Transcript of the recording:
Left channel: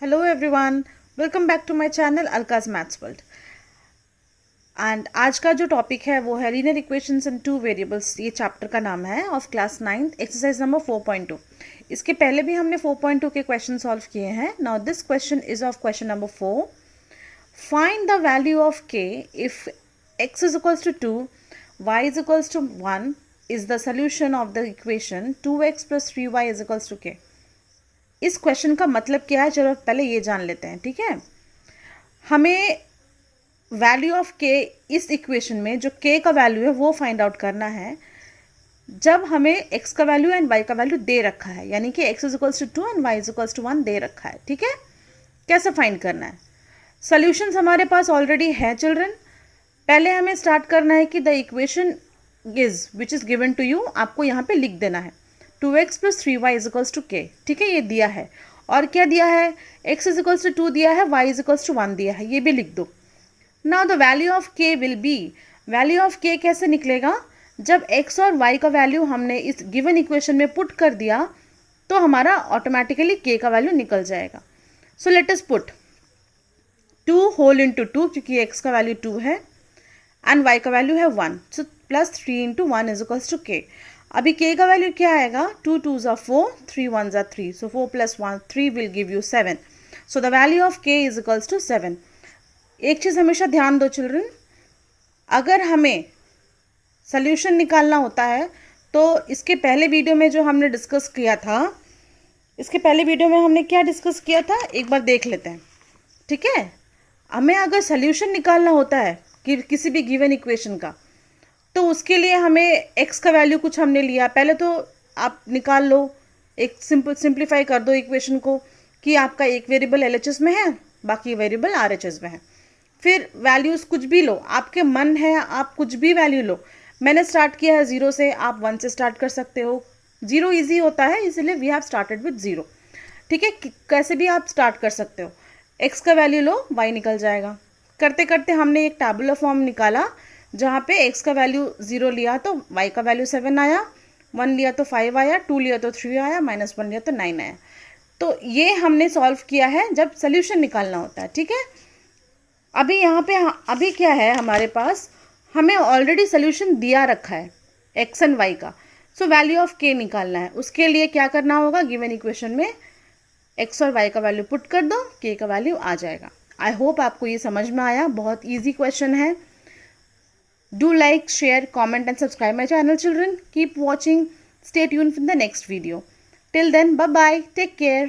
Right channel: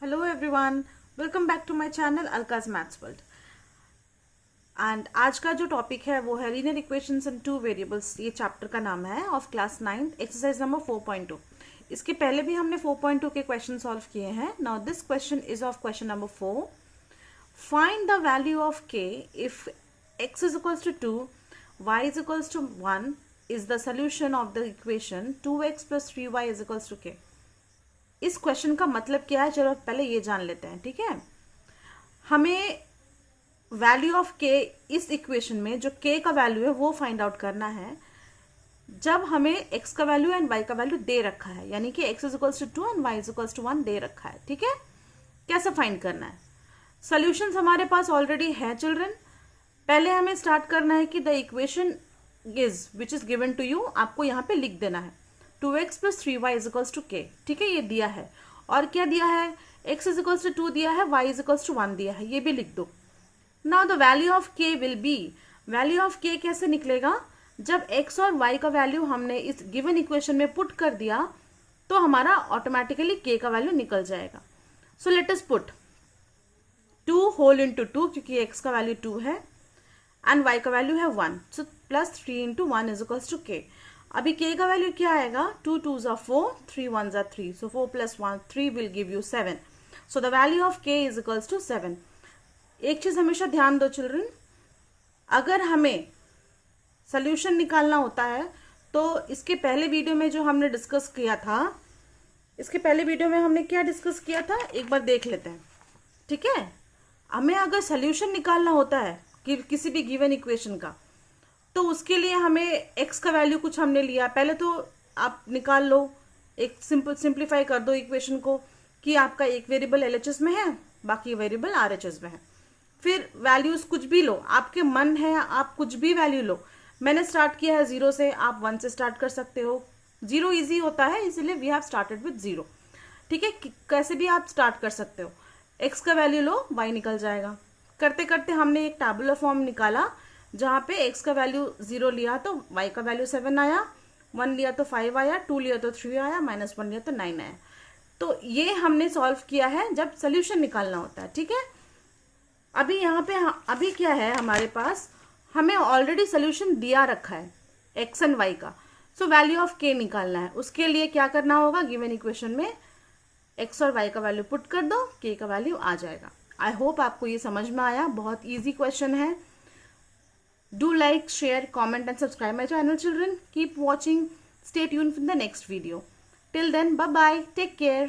Hello everyone, welcome back to my channel Alka's maths world. And आज का जो topic है वो है linear equations in two variables. ये चैप्टर का नाम है ऑफ क्लास 9 एक्सरसाइज नंबर 4.2। इसके पहले भी हमने 4.2 के क्वेश्चन सॉल्व किए हैं। Now this question is of question number 4। Find the value of k if x is equals to 2, y is equals to 1 is the solution of the equation 2x plus 3y is equals to k। इस question का मतलब क्या है, चलो पहले ये जान लेते हैं। ठीक है, हमें वैल्यू ऑफ के इस इक्वेशन में जो के का वैल्यू है वो फाइंड आउट करना है जब हमें एक्स का वैल्यू एंड वाई का वैल्यू दे रखा है, यानी कि x is equals to 2 and y is equals to 1 दे रखा है। ठीक है, कैसे फाइंड करना है? सॉल्यूशंस हमारे पास ऑलरेडी है चिल्ड्रन। पहले हमें स्टार्ट करना है कि the equation is which is given to you, आपको यहाँ पे लिख देना है 2x plus 3y is equals to k। ठीक है, ये दिया है। और क्या दिया है? x इज इक्वल्स टू 2 दिया है, y इज इक्वल्स टू 1 दिया है, ये भी लिख दो। Now the value of k will be, value of k कैसे निकलेगा? जब x और y का वैल्यू हमने इस गिवन इक्वेशन में पुट कर दिया तो हमारा ऑटोमेटिकली k का वैल्यू निकल जाएगा। So let us put 2 whole into 2, क्योंकि x का वैल्यू 2 है एंड y का वैल्यू है 1, so plus 3 into 1 is equals to k। अभी k का वैल्यू क्या आएगा? 2 2s are 4, 3 1s are 3, so 4 plus 1 3 will give you 7, so the value of k is equals to 7। एक चीज़ हमेशा ध्यान दो चिल्ड्रन, अगर हमें सोल्यूशन निकालना होता है तो इसके पहले वीडियो में जो हमने डिस्कस किया था, इसके पहले वीडियो में हमने क्या डिस्कस किया था एक बार देख लेते हैं। ठीक है, हमें अगर सोल्यूशन निकालना होता है कि किसी भी गिवन इक्वेशन का, तो उसके लिए हमें x का वैल्यू कुछ हमने लिया। पहले तो आप निकाल लो, एक सिंप्लीफाई कर दो इक्वेशन को कि आपका एक वेरिएबल LHS में है, बाकी वेरिएबल RHS में है। फिर वैल्यूज कुछ भी लो, आपके मन है आप कुछ भी वैल्यू लो। मैंने स्टार्ट किया है 0 से, आप 1 से स्टार्ट कर सकते हो। 0 ईजी होता है, इसीलिए वी हैव स्टार्टेड विद 0। ठीक है, कैसे भी आप स्टार्ट कर सकते हो। x का वैल्यू लो, y निकल जाएगा। करते करते हमने एक टैबुलर फॉर्म निकाला जहाँ पे x का वैल्यू 0 लिया तो y का वैल्यू 7 आया, 1 लिया तो 5 आया, 2 लिया तो 3 आया, -1 लिया तो 9 आया। तो ये हमने सॉल्व किया है जब सोल्यूशन निकालना होता है। ठीक है, अभी यहाँ पे अभी क्या है हमारे पास, हमें ऑलरेडी सोल्यूशन दिया रखा है x एंड y का। सो वैल्यू ऑफ k निकालना है। उसके लिए क्या करना होगा, गिवन इक्वेशन में x और y का वैल्यू पुट कर दो, k का वैल्यू आ जाएगा। आई होप आपको ये समझ में आया, बहुत ईजी क्वेश्चन है। Do like, share, comment and subscribe my channel children. Keep watching. Stay tuned for the next video. Till then, bye bye. Take care.